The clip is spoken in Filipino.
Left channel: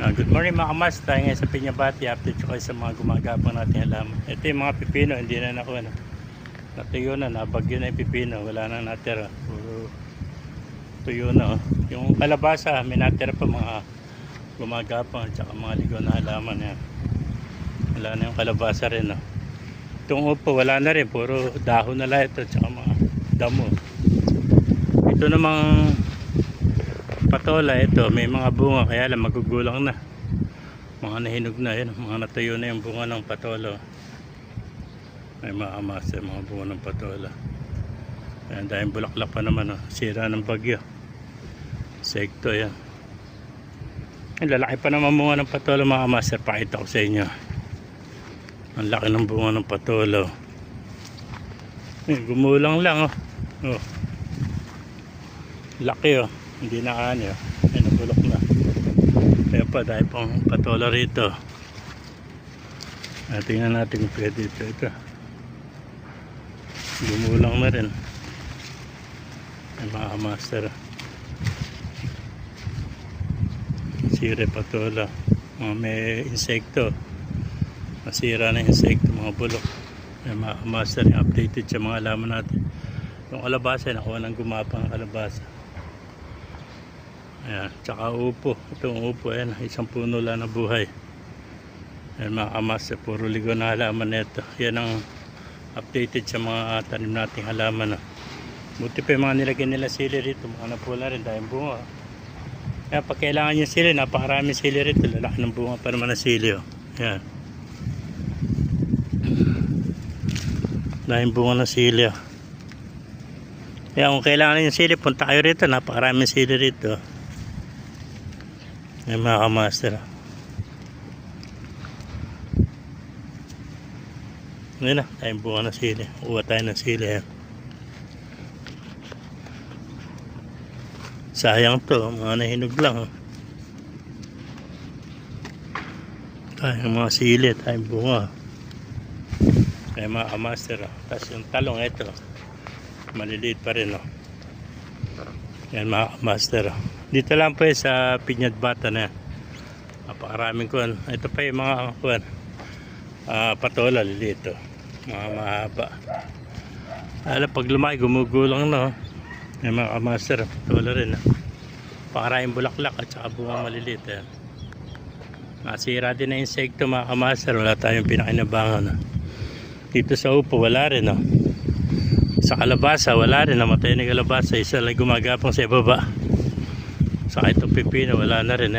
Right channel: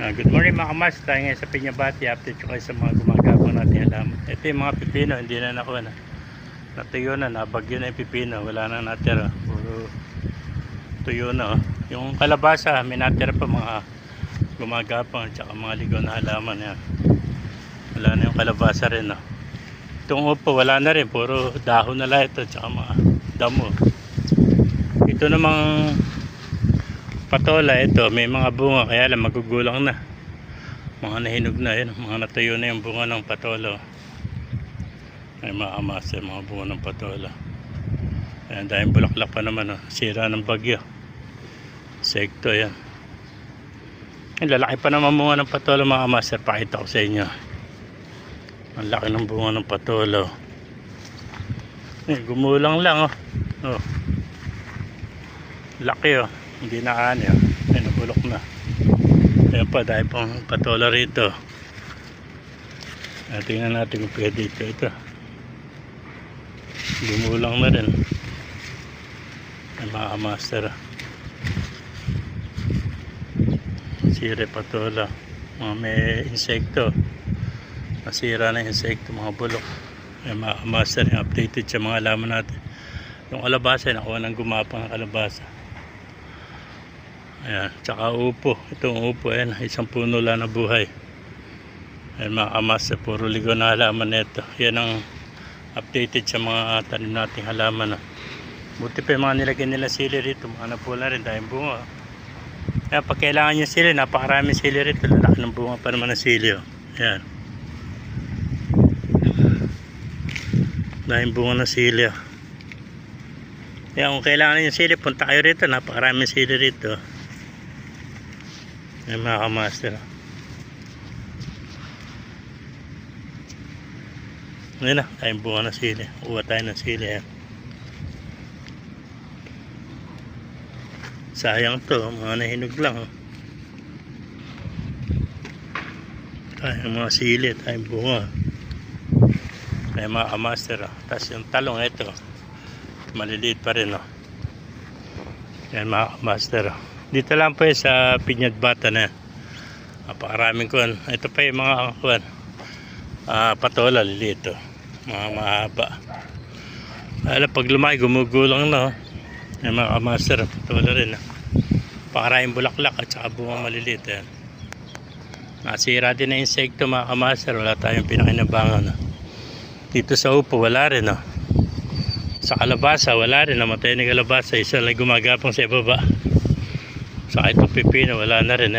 Good morning mga kamas, tayo ngayon sa Piñabati. Update ko kayo sa mga gumagapang natin halaman. Ito yung mga pipino, hindi na nakuha na. Natuyo na, nabagyo na yung pipino, wala na natira. Puro tuyo na. Yung kalabasa, may natira pa mga gumagapang at saka mga ligaw na halaman. Yan. Wala na yung kalabasa rin. Itong upo, wala na rin, puro dahon na lang ito at saka mga damo. Ito namang patola, ito may mga bunga kaya lang magugulang na, mga nahinog na yun, mga natuyo na yung bunga ng patola. May mga amasa mga bunga ng patola. Ayan, dahil bulaklak pa naman, sira ng bagyo, sekto yan. Ang lalaki pa naman bunga ng patola mga amasa, pakita ko sa inyo ang laki ng bunga ng patola. Gumulang lang laki hindi na ani ay nabulok na. Ayan pa, dahil pang patola rito. Tingnan natin kung pwede ito. Gumulang na rin. Ay mga master. Sire patola. Mga may insekto. Nasira na insekto, mga bulok. Ay mga master, yung updated sa mga alaman natin. Yung kalabasa, nakuha ng gumapang kalabasa. Ayan, tsaka upo. Itong upo, ayan, isang puno lang na buhay. Ayan mga kamas, puro ligaw na halaman nito. Yan ang updated sa mga tanim nating halaman. Buti pa yung mga nilagyan nila sili rito, mga napula rin dahil bunga. Ayan, pag kailangan nyo sili, napakaraming sili rito. Lalaki ng bunga pa naman na sili. Ayan, dahil bunga na sili. Ayan, kung kailangan nyo sili, punta kayo rito. Napakaraming sili rito. Ay mga kamaster. Ayan na, tayong bunga na sili. Uwa tayo ng sili. Sayang to, mga nahinog lang. Tayong mga sili, tayong bunga. Tayong mga kamaster. Tapos yung talong ito, maliliit pa rin. Ayan mga kamaster. Dito lang po sa Piñabati na. Napakaraming kuwan. Ito pa yung mga kuwan. Patola, lilito. Mga mahaba. Alam, pag lumaki, gumugulang na. Yung mga kamaster, patola rin. Napakaraming bulaklak at saka bunga maliliit. Nasira din na insekto mga kamaster. Wala tayong pinakinabangan. Dito sa upo, wala rin. Sa kalabasa, wala rin. Namatay na kalabasa. Isa lang gumagapang sa ibaba. Saka itong pipino, wala na rin.